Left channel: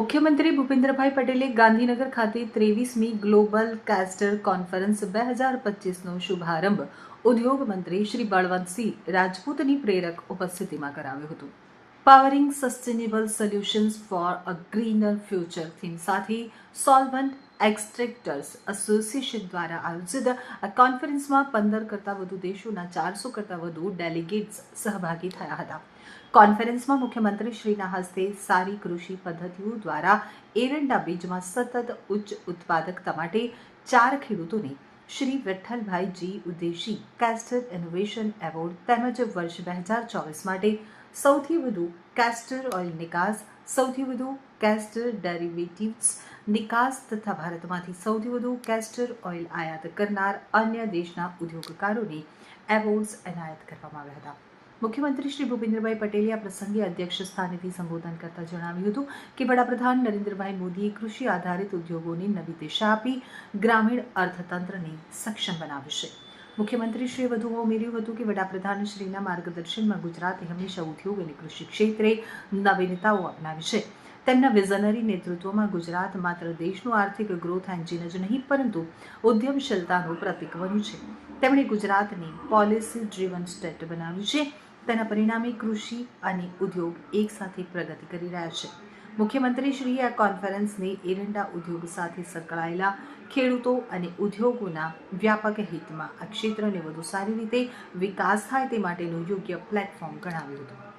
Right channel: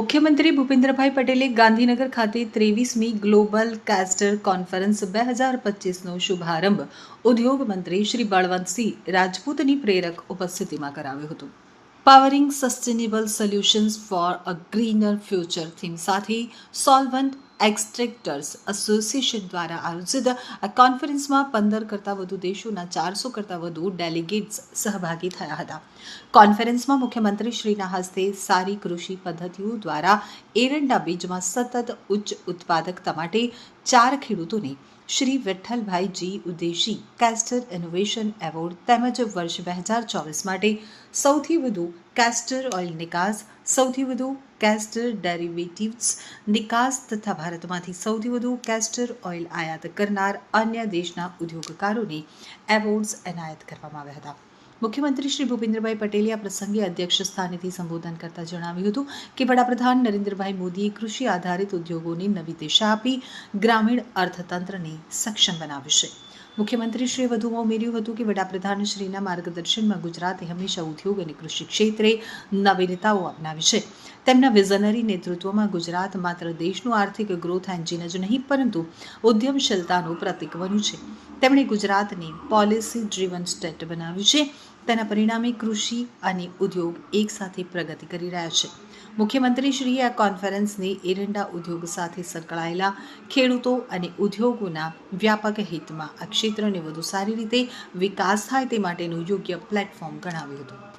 મુખ્યમંત્રી ભૂપેન્દ્રભાઈ પટેલે ગાંધીનગર ખાતે 23મી ગ્લોબલ કેસ્ટર કોન્ફરન્સ 2025નો શુભારંભ ઉદ્યોગ મંત્રી શ્રી બળવંતસિંહ રાજપૂતની પ્રેરક ઉપસ્થિતિમાં કરાવ્યો હતો. Powering sustainable solutions for a greener future theme સાથે સોલ્વન્ટ એક્સટ્રેક્ટર્સ એસોસિએશન દ્વારા આયોજિત આ કોન્ફરન્સમાં 15 કરતાં વધુ દેશોના 400 કરતાં વધુ ડેલિગેટ્સ સહભાગી થયા હતા. કોન્ફરન્સમાં મુખ્યમંત્રી શ્રીના હસ્તે સારી કૃષિ પદ્ધતિઓ દ્વારા એરંડા બીજમાં સતત ઉચ્ચ ઉત્પાદકતા માટે 4 ખેડૂતોને શ્રી વિઠ્ઠલભાઈ જી ઉદેશી કેસ્ટર ઇનોવેશન એવોર્ડ તેમજ વર્ષ 2024 માટે સૌથી વધુ કેસ્ટર ઓઇલ નિકાસ, સૌથી વધુ કેસ્ટર ડેરિવેટિવ્સ નિકાસ તથા ભારતમાંથી સૌથી વધુ કેસ્ટર ઓઇલ આયાત કરનાર અન્ય દેશના ઉદ્યોગકારોને એવોર્ડ્સ એનાયત કરવામાં આવ્યા હતા. મુખ્યમંત્રી શ્રી ભૂપેન્દ્રભાઈ પટેલે આ પ્રસંગે અધ્યક્ષ સ્થાનેથી સંબોધન કરતા જણાવ્યું હતું કે વડાપ્રધાન નરેન્દ્રભાઈ મોદીએ કૃષિ આધારિત ઉદ્યોગોને નવી દિશા આપી ગ્રામીણ અર્થતંત્રને સક્ષમ બનાવ્યું છે. મુખ્યમંત્રીશ્રીએ વધુમાં ઉમેર્યું હતું કે વડાપ્રધાનશ્રીના માર્ગદર્શનમાં ગુજરાતે હંમેશા ઉદ્યોગ અને કૃષિ ક્ષેત્રે નવીનતાઓ અપનાવી છે. તેમના વિઝનરી નેતૃત્વમાં ગુજરાત માત્ર દેશનું આર્થિક ગ્રોથ એન્જિન જ નહીં પરંતુ ઉદ્યમશીલતાનું પ્રતીક બન્યું છે. તેમણે ગુજરાતને પોલિસી ડ્રીવન સ્ટેટ બનાવ્યું છે. તેના પરિણામે કૃષિ અને ઉદ્યોગ એકસાથે પ્રગતિ કરી રહ્યા છે. મુખ્યમંત્રીશ્રીએ આ કોન્ફરન્સને એરંડા ઉદ્યોગ સાથે સંકળાયેલા ખેડૂતો અને ઉદ્યોગોના વ્યાપક હિતમાં આ ક્ષેત્રને વધુ સારી રીતે વિકાસ થાય તે માટેનું યોગ્ય પ્લેટફોર્મ ગણાવ્યું હતું.